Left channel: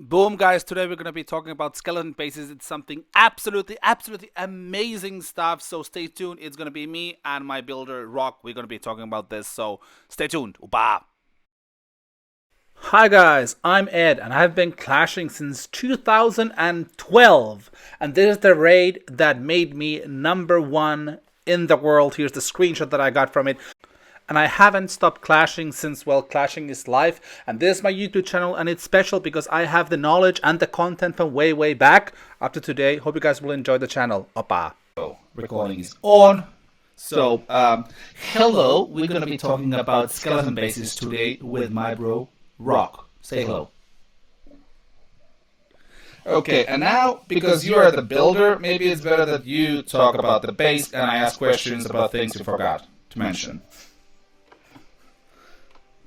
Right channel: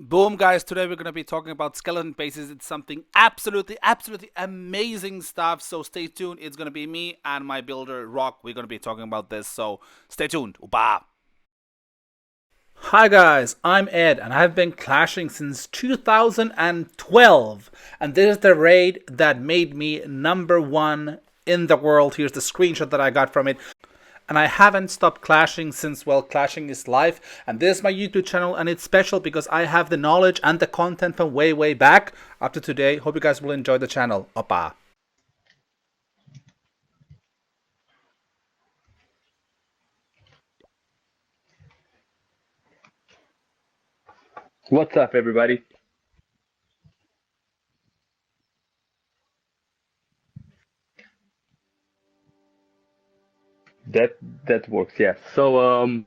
Boom, guys. Today we're going to be talking about skeleton bases. It's something absolutely amazing stuff. So stay tuned. It's going to be me and my builder, Rock. We're going to be talking about this. So stay tuned. Upa. Hi guys, I'm Ed and I've been clashing since 2012, and this is the raid that made me number one in the world. Here's the screenshot that I got from it. And I haven't stopped clashing since, well, clashing is life. And this is my YouTube channel, and it's special because I have the knowledge and the content from way back up to today. Hope you guys will enjoy the channel. Oppa. Recording is on. So, hello. We're going to be talking about skeleton bases today with my bro, Rock. Say hello. What's up, everybody? Okay, and now, because you are the builder, maybe it's better that you talk about the base and I ask questions about things you forgot to mention. That works, yeah. So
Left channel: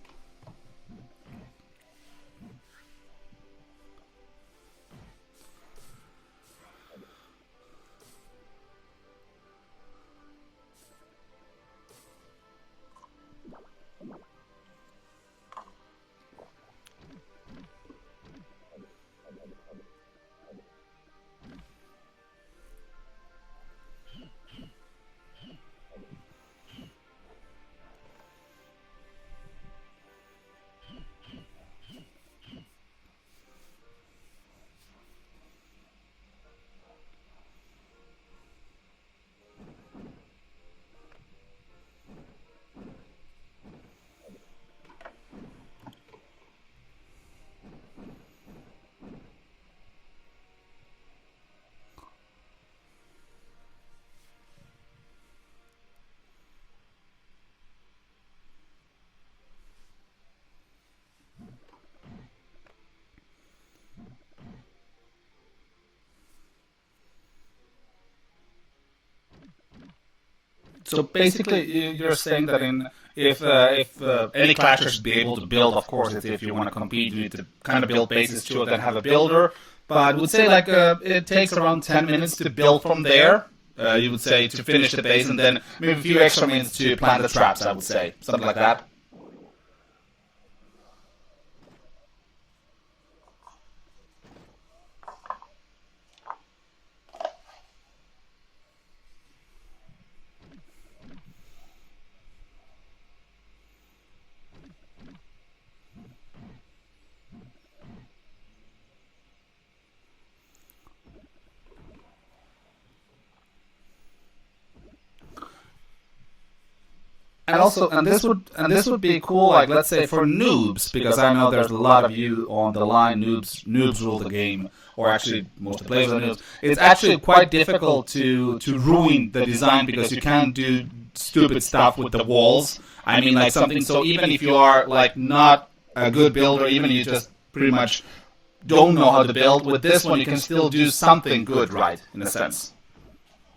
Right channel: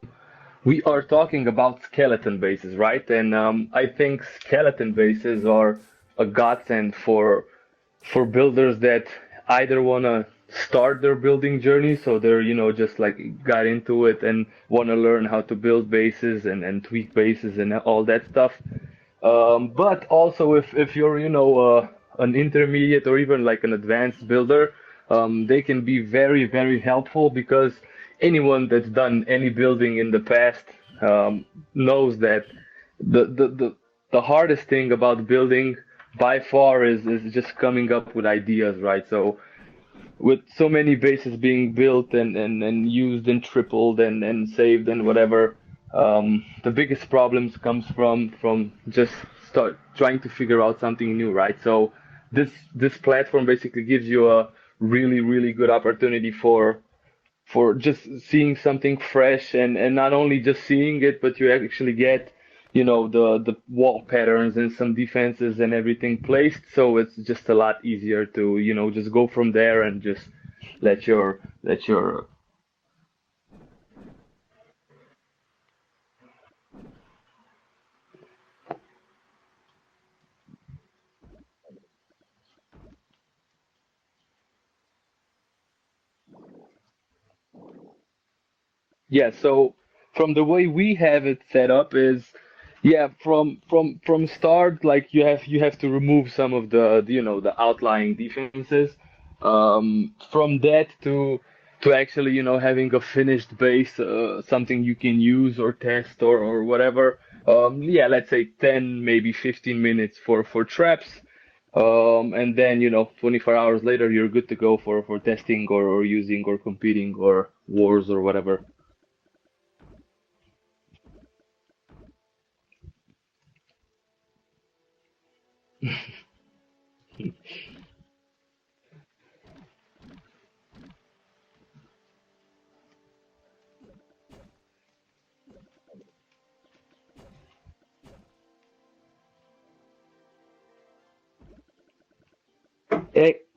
we are talking about skeleton bases, right? And I think skeleton bases are a godsend for builders that either wanna start their building journey, so they're just like got into it and wanna learn how to build bases and tweak bases and all that stuff. But also if you're an intermediate or even like an advanced builder, they can be very helpful because anyone that's done any building in the past knows that the hardest thing about building by far is just coming up with ideas, right? So with so many bases being built and used and tripled and saved and whatever, the biggest problems comes from just start trying to figure out something new, right? So this platform basically gives you a really good opportunity for just seeing something fresh and not only just seeing it, but you actually get the wall patterns and some defenses and everything placed, so it's just a lot easier to just go from there and just So basically, you're saying that if any clasher should be able to build, of course, it's if you want to compete, you need to kind of build bases too, then have a builder. But I would say like it takes around 10 minutes to build from there. You would say to finish the base, and then maybe a few extra minutes to plant the traps. I would say something like that. Yeah, so from the way we have it set up is, yeah, from start, like you have to remove some of the outlying defenses. From that to actually having a finished base, something you can use or test or whatever. Yeah, let's say 10 maybe 15 minutes for traps. And then 24 hours later you're good to go for testing or using or competing or And also, wars or whatever. this would be cool, like let's say for noobs, because I know there's a lot of you on the line. Noobs rule the game, or actually most players are noobs. It's actually quite difficult to ruin the design because you can't do stupid stuff with the walls. I mean, like something. So even if you are like not a good builder, even you just pretty much don't know how to build, with this one you can still do something good, right? In a sense.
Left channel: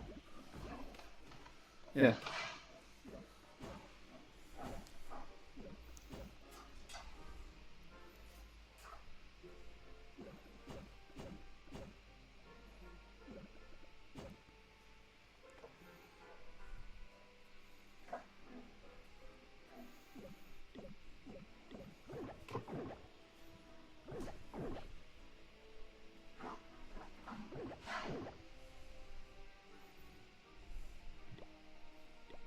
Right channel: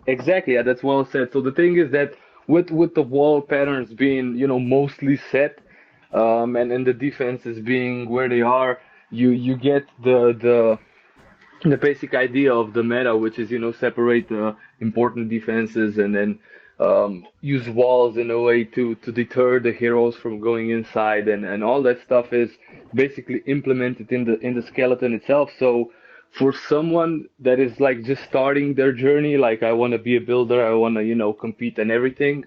Exactly, yeah, that's well said. So the thing is Yeah. that with the wall patterns being mostly set, and the defenses being where they are, you get the basic idea of the meta, which is separate the important defenses and then use walls in a way to deter the heroes from going inside, and all that stuff is basically implemented in the skeleton itself. So for someone that is like just starting their journey, like I want to be a builder, I want to compete and everything,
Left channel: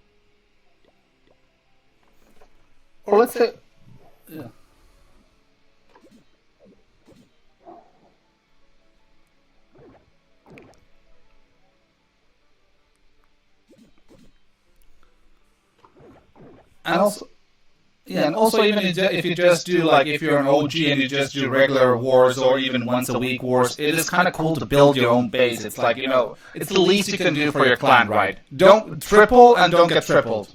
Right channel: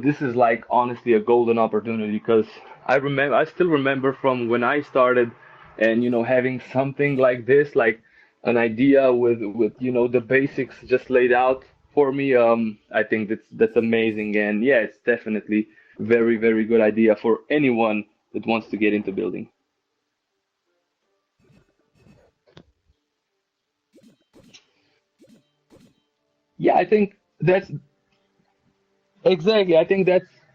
this is like honestly a golden opportunity because Well, let's I say still remember from when I started, and having something like this, like an idea with the basics just laid out for me. I think that's amazing, and yeah, it's definitely very good and idea also for anyone yeah, and that also wants to even get into if you building. just do like if you're an OG and you just do regular wars or even once a week wars, it is kind of cool to build your own base. It's like it's Yeah, the I least think you can do that for your clan, right? Don't triple and exactly. I don't get think that tripled.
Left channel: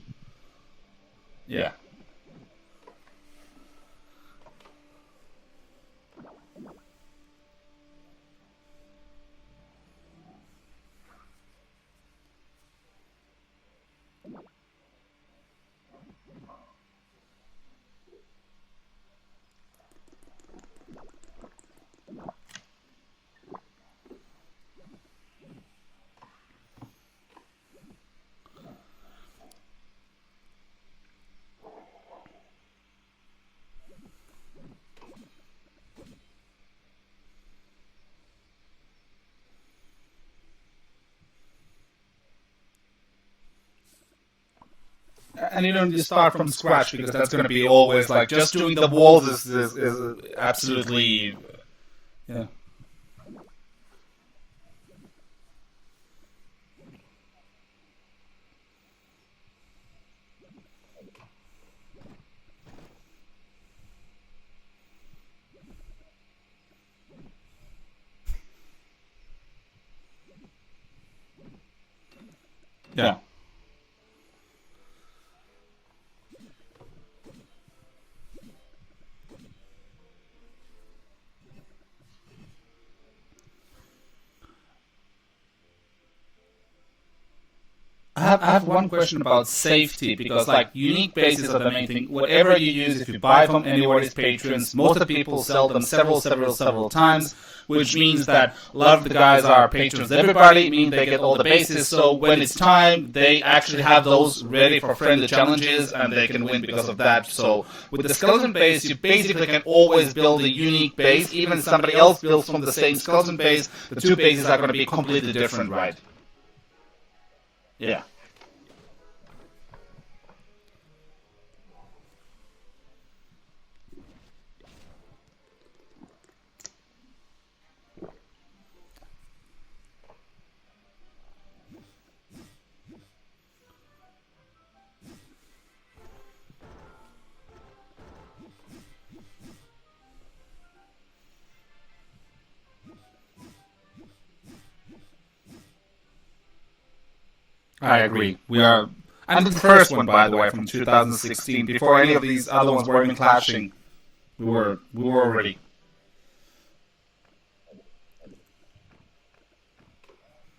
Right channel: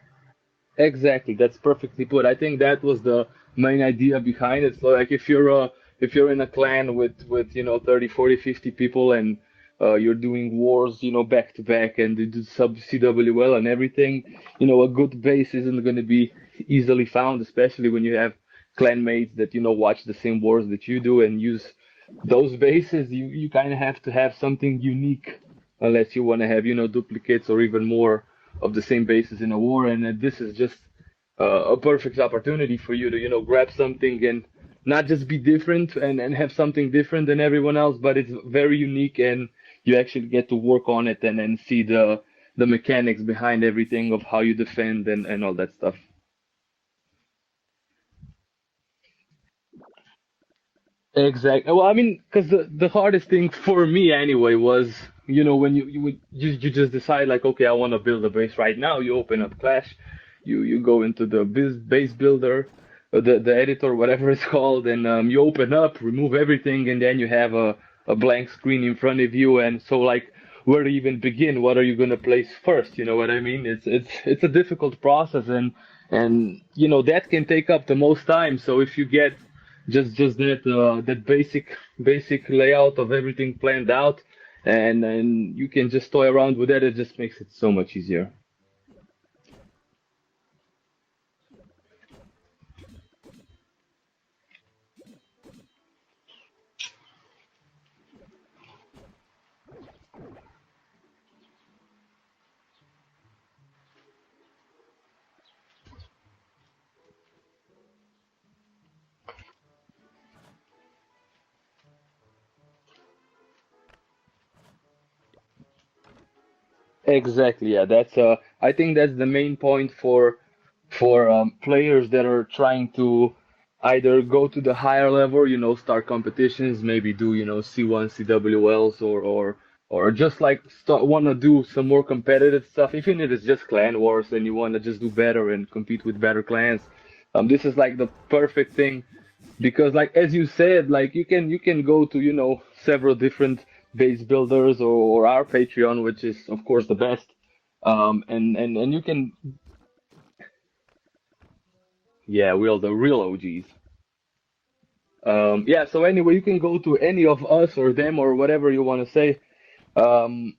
that's Yeah. perfectly put. I think that was the main idea behind it. So like if you're in a clan with 30, 40, 50 people, and you're doing wars back to back, and you do sub CWL and everything, a good base isn't going to be easily found, especially when you have clan mates that watch the same wars that you do and use those bases. You kind of have to have something unique, unless you want to have duplicates or even more of the same bases in a war. And this is just a perfect opportunity for you to grab something and not just be different and have something different than everyone else, but it's very unique, and you actually get to work on it and see the mechanics behind everything of how you defend and all And that you don't stuff. just start from scratch because that's going to be always like just doing the walls is absolutely Exactly. Well, I mean, yeah. because the hardest thing for me anyway was, when you just decide like, okay, I want to build a base right now. You open up Clash, you go into the base builder, the editor, whatever it's called, and you open up, remove everything, and then you have a blank screen in front of you, and so like, where to even begin? What are you gonna place first? You Yeah. know what I mean? It's a difficult process, and that can take up the most time. So if you get just that basic layout of everything planned out, and you can just toy around with that. It just makes it so much easier. I have one question about safety because like unique bases are the main thing. Whatever you use, if you buy from anywhere as patrons, most of the people sell them several times, which means that a lot of the guys are patrons. Everybody means they get all the bases. So when it's time, they actually have those ready for friendly challenges and they can win because of that. So with the skeleton base, you basically can always build a unique base. Even if somebody else builds from the same skeleton base, the two bases are going to be completely different, right? Exactly. Yeah. Yeah. That's I think that's the main point for players that are trying to either go to the higher level, start competitions, maybe do, C1 CWLs, or just like start want to do some more competitive stuff, even if it's just clan wars and you want to just do better and compete with better clans. This is like the perfect thing because, like as you said, like you can go to several different base builders, or our Patreon, which is of course the best. I agree. And We are. and you can, I'm the first one, by the way, from 2016. Before any of these yeah, other well, ones the were even real OG. clashing, we were already. Yeah, so anyway, you can go to any of us or them or whatever you want to say, um,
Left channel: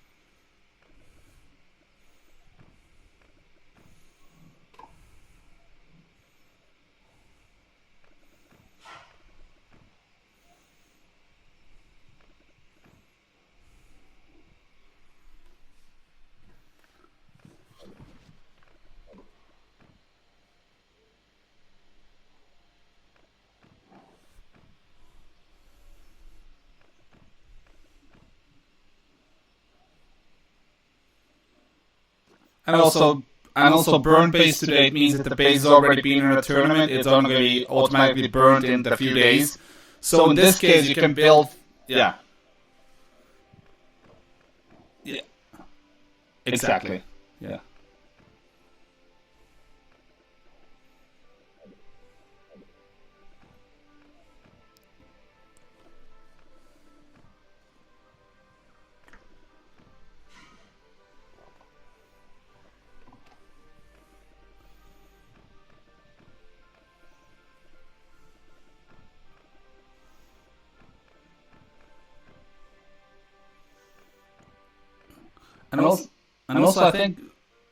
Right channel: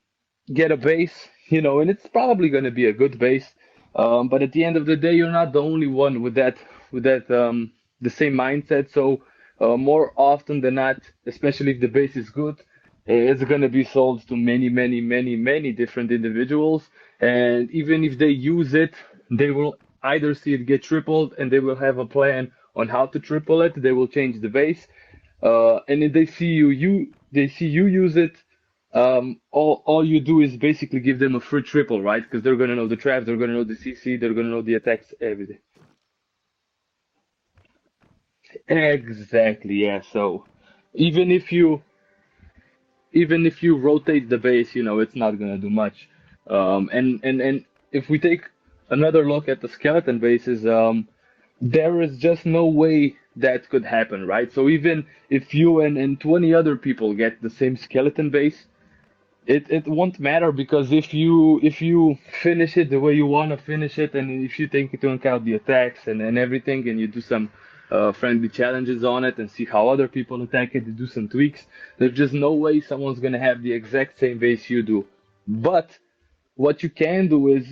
get a base, and it's probably going to be a good base. But at the end of the day, you're not the only one with that the same mindset. So more often than not, especially if the base is good, it's going to be sold to many different individuals. And even if they use it, they will either see it get tripled and they will have a plan on how to triple it. They will change the base. And if they see you use it, all you do is basically give them a free triple, right? Because they're gonna And know the also, traps, they're gonna know and the also, CC, burn they're gonna base know the today attack means that the state. base has already been in a tournament. It's only going to be automatically burned in a few days. Exactly, yeah. So in this case, you can Even build. if you Yeah, even if you rotate the base, it's yeah, not gonna do much. exactly. And Yeah. if we take another look at the skeleton bases, there is just no way that could happen, right? So even if you and 20 other people get the same skeleton base, it won't matter, because if you finish it the way you want to finish it, and if you take into account the attacks and everything, and you do some friendly challenges on it and see how other people attack it, you do some tweaks, there's just no way someone's gonna have the exact same base you do. And But also, and what also, you I think. can do is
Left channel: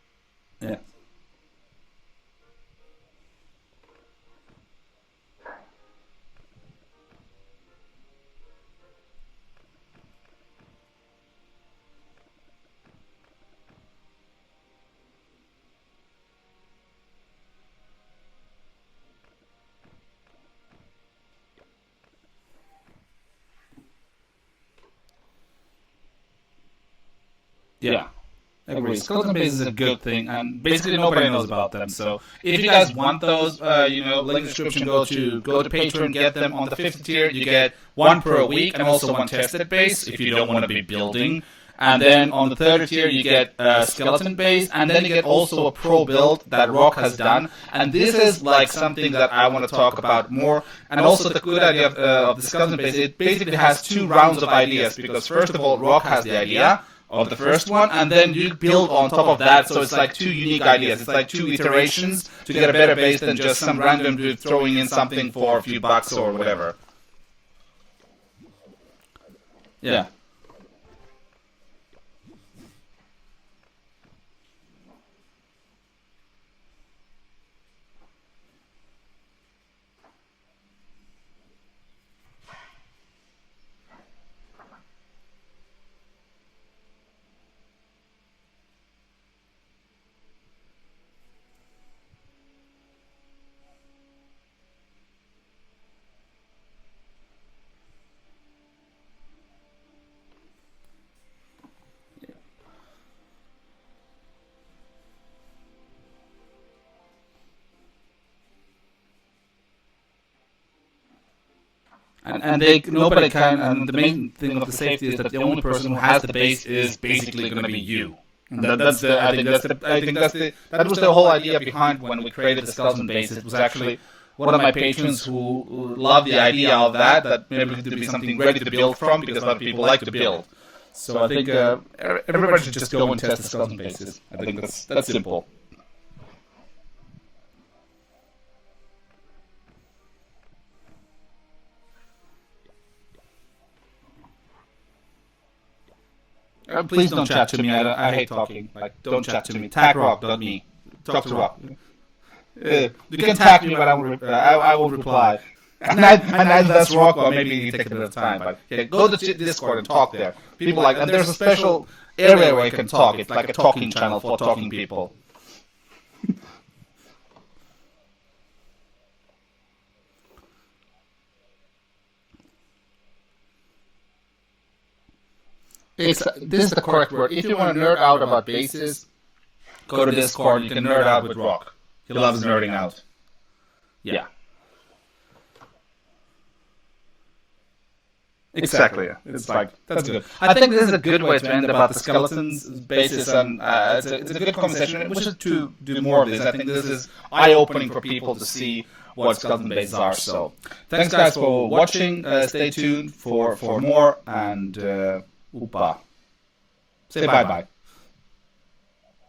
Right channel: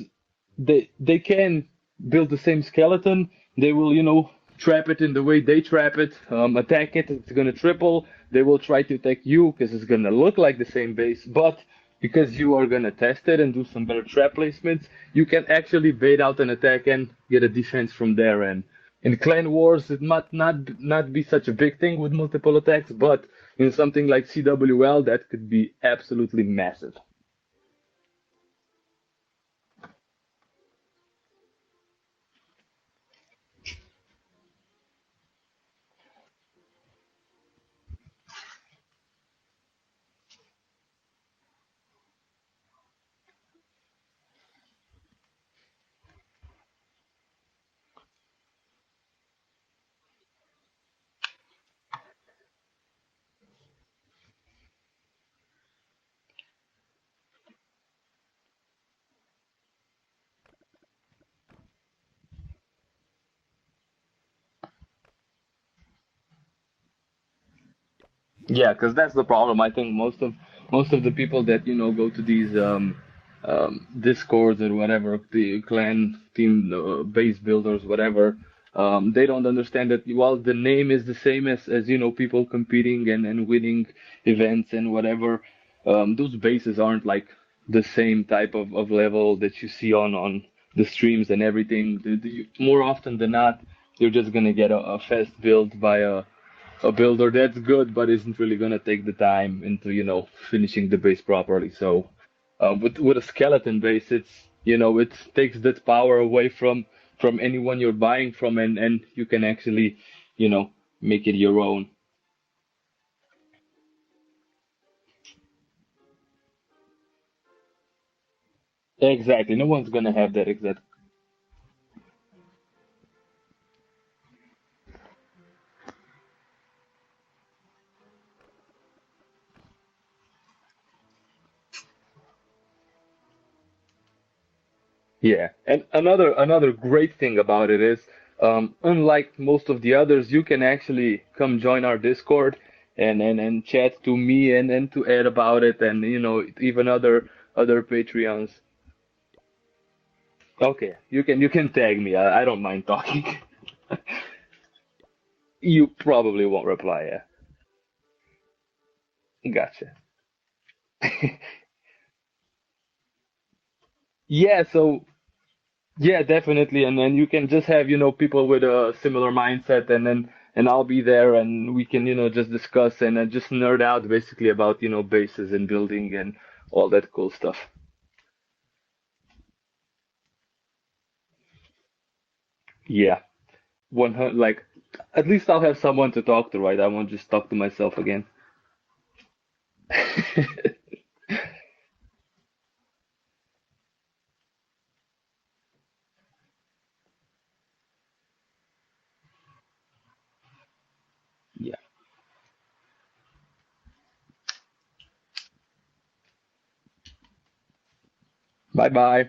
Yeah. they can build the same skeleton. They will, trap it in the way they trap it, attack it. It's gonna triple. They will try to attack you because it's gonna look like the same base, but because you are gonna test it and do some better trap placements, you can actually bait out an attack and get a defense from there. And in clan wars, it might not be such a big thing with multiple attacks, but in something like CWL, that could be absolutely massive. Yeah. Agree. Skeleton base is a good thing, and basically nobody knows about them. So if you guys want those, link in the description. Go to Patreon, get them on the 50th tier. You get one per week, and also one tested base if you don't want to be building. And then on the 30th tier, you get a skeleton base, and then you get also a pro build that Rock has done. And this is like something that I want to talk about more. And also the good idea of the skeleton base, it basically has two rounds of ideas, because first of all, Rock has the idea of the first one, and then you build on top of that, so it's like two unique ideas. It's like two iterations to get a better base than just some random dude throwing in something for a few bucks or whatever. Yeah, because that's the problem. I think Yeah. most of the people that go to these discords or whatever, the clan team base builders, whatever, they don't understand that while the name is the same as people competing and winning events and whatever, those bases aren't like the same type of level that you see on the streams and everything. More often than not, you're just gonna get a fast build by a builder that's good, but isn't really gonna take the time into, finishing the base properly. So, with a skeleton base, it takes that power away from anyone you're buying from, and you can actually, you know, make it your own. And nobody can. And the main thing of the safety is that the only person who has the base is basically going to be you. And that was the whole idea behind when we created the skeleton base. It was actually one of my patrons who loved the idea of that. That maybe to be something ready to build from, because a lot of people like to build. So I think everybody should just go and test the skeleton bases. I think that's simple. Yeah, and another great thing about it is, unlike most of the others, you can actually come join our Discord and chat to me and to Ed about it, and even Please other. don't chat to me. I hate talking. Like, don't chat to me. Tag Rock, not me. Okay, you can tag me. I don't mind talking. You can tag me, but I will reply. And I that's Rock, or maybe you take a bit of time. But yeah, go to Discord and talk there. People like there's a special area where you can talk. It's like a talking channel for talking people. Yeah, definitely, and then you can just have people with a similar mindset, and I'll be there, and we can just discuss and just nerd out basically about bases and building. This is the correct word. If you want to nerd out about bases, go to Discord. You can nerd out with Rock. He loves nerding out. Yeah, like at least I'll have someone to talk to, right? I won't just talk to myself again. Exactly. It's like that's good. I think this is a good way to end about the skeletons bases, and it's a good conversation. We should to do more of this. I think this is eye-opening for people to see what skeleton bases are. So, thanks guys for watching. Stay tuned for more, and Upa. Say bye bye. Bye bye.